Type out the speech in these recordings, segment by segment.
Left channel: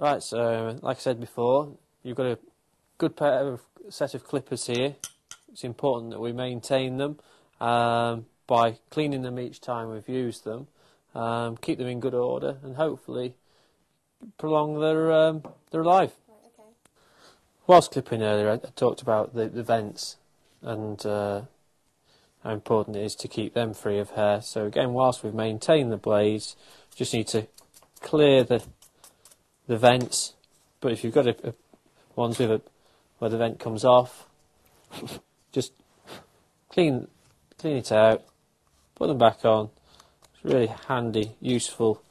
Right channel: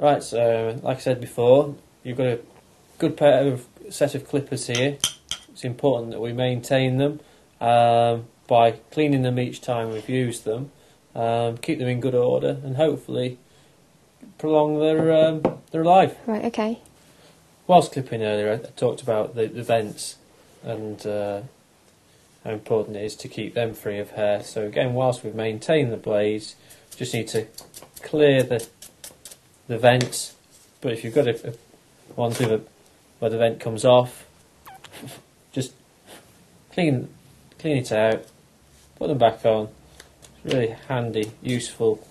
Right, so like I said before, you've got a good set of clippers here. It's important that we maintain them by cleaning them each time we've used them, keep them in good order, and hopefully prolong their life. Right, okay. Whilst clipping earlier, I talked about the vents and how important it is to keep them free of hair. So again, whilst we've maintained the blades, just need to clear the vents. But if you've got ones with where the vent comes off, just clean it out, put them back on. It's a really handy, useful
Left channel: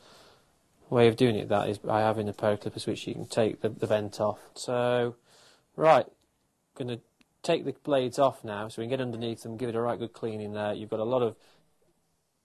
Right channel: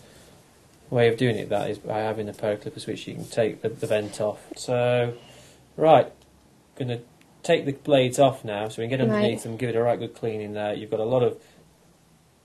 way of doing it, that is by having a pair of clippers which you can take the vent off. So, right, going to take the blades off now so we can get underneath them, give it a right good cleaning there. You've got a lot of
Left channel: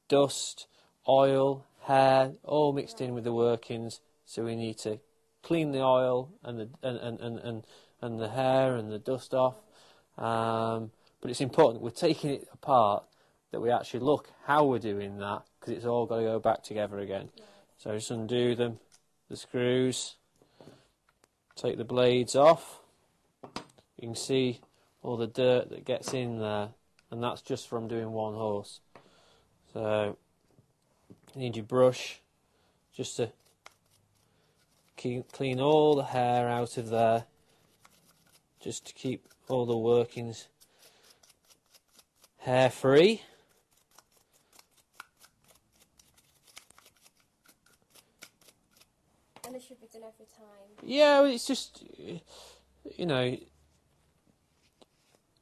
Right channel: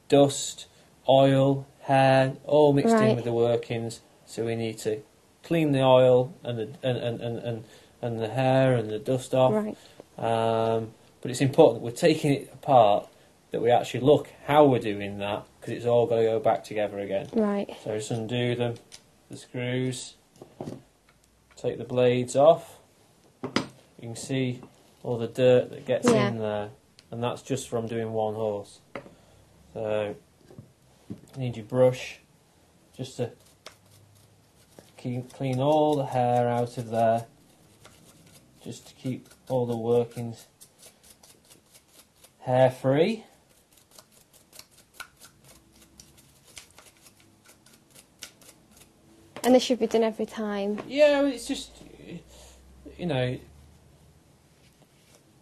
dust, oil, hair, all mixed in with the workings, so we need to clean the oil and the hair and the dust off. Right. But it's important we're taking it apart that we actually look how we're doing that, because it's all got to go back together again. Right. So just undo the screws, take the blades off. You can see all the dirt that gets in there, and that's just from doing one horse. So you need your brush just to clean all the hair out of there, just to keep all the workings hair free. And this should be done every time? Yeah, it's just, you know,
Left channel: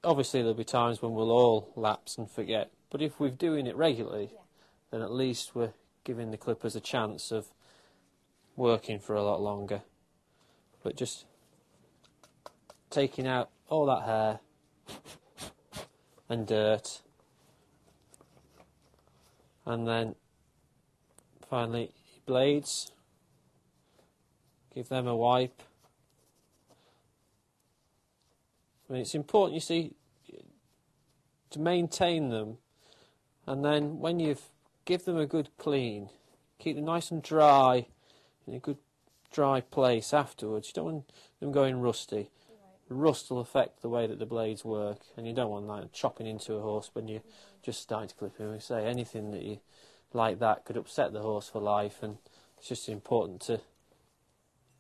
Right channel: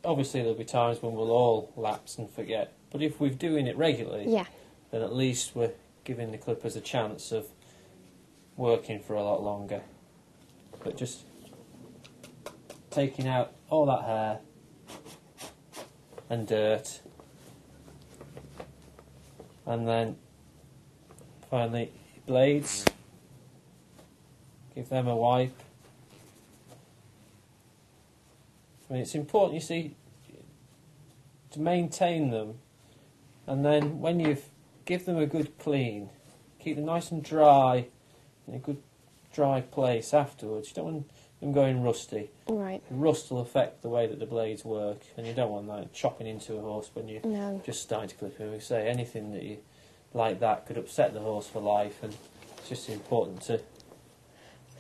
obviously there'll be times when we'll all lapse and forget, but if we're doing it regularly, then at least we're giving the clippers a chance of working for a lot longer. But just taking out all that hair and dirt, and then finally blades, give them a wipe. I mean, it's important, you see, to maintain them, and then when you've give them a good clean, keep them nice and dry in a good dry place afterwards. You don't want them going rusty. Right. Rust will affect the way that the blades work, and you don't want that chopping into a horse when you're just starting to clip him. We say anything that you like that could upset the horse for life, and it's just important to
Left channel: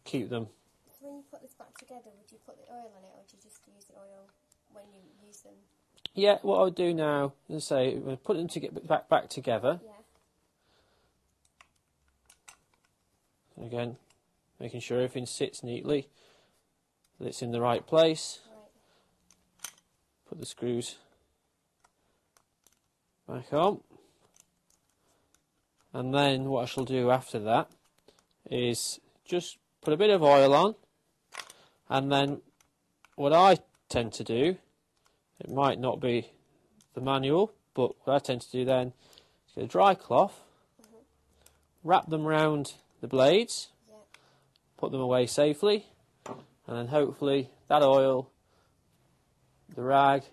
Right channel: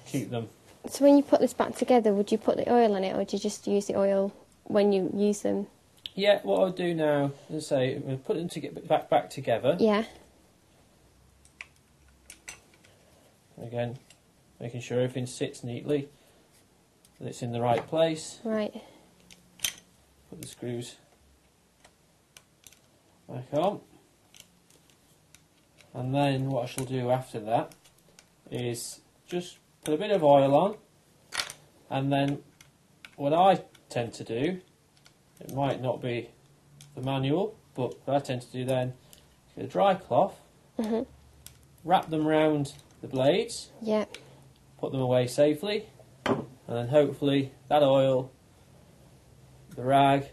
keep them. So when you put this back together, would you put the oil in it, or do you just use the oil when you use them? Yeah, what I'll do now is say we'll put them back together. Yeah. Again, making sure everything sits neatly, that it's in the right place. Right. Put the screws back on. And then what I shall do after that is just put a bit of oil on, and then what I tend to do, it might not be the manual, but what I tend to do then is get a dry cloth, wrap them round the blades, put them away safely, and then hopefully that oil, the rag,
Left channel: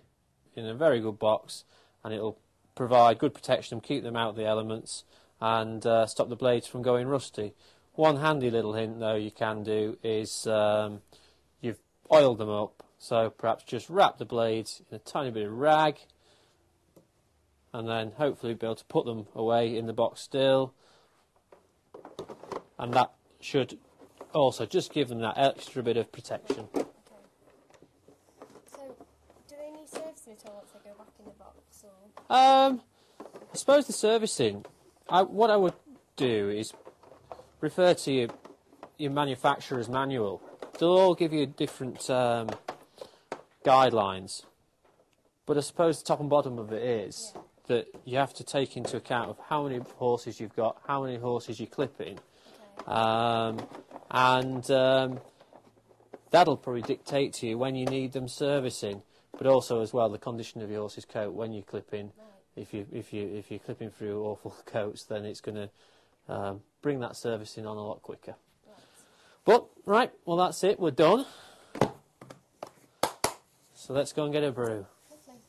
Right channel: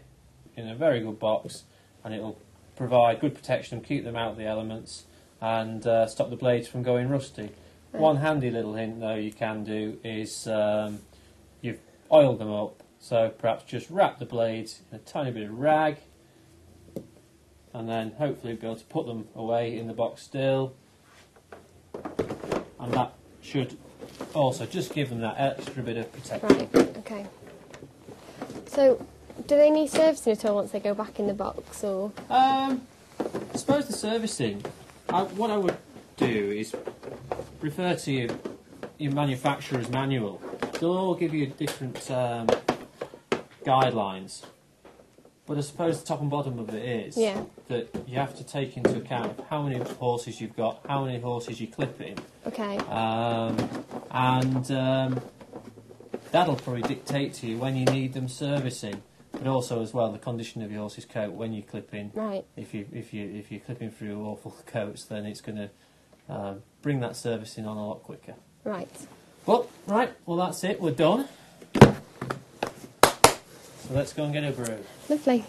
in a very good box, and it'll provide good protection, keep them out of the elements, and stop the blades from going rusty. One handy little hint though you can do is you've oiled them up, so perhaps just wrap the blades in a tiny bit of rag, and then hopefully be able to put them away in the box still, and that should also just give them that extra bit of protection. Right, okay. So, do they need servicing at all once they go back in the box, or? I suppose the servicing, what I would do is refer to your manufacturer's manual. They'll all give you different guidelines, but I suppose the top and bottom of it is that you have to take into account of how many horses you've got, how many horses you're clipping. Okay. And that'll probably dictate to you when you need them servicing, but also as well the condition of your horse's coat when you're clipping. Right. If you're clipping through awful coats, then it's going to bring that servicing on a lot quicker. Right. But right, well that's it. We're done. So let's go and get a brew. Lovely.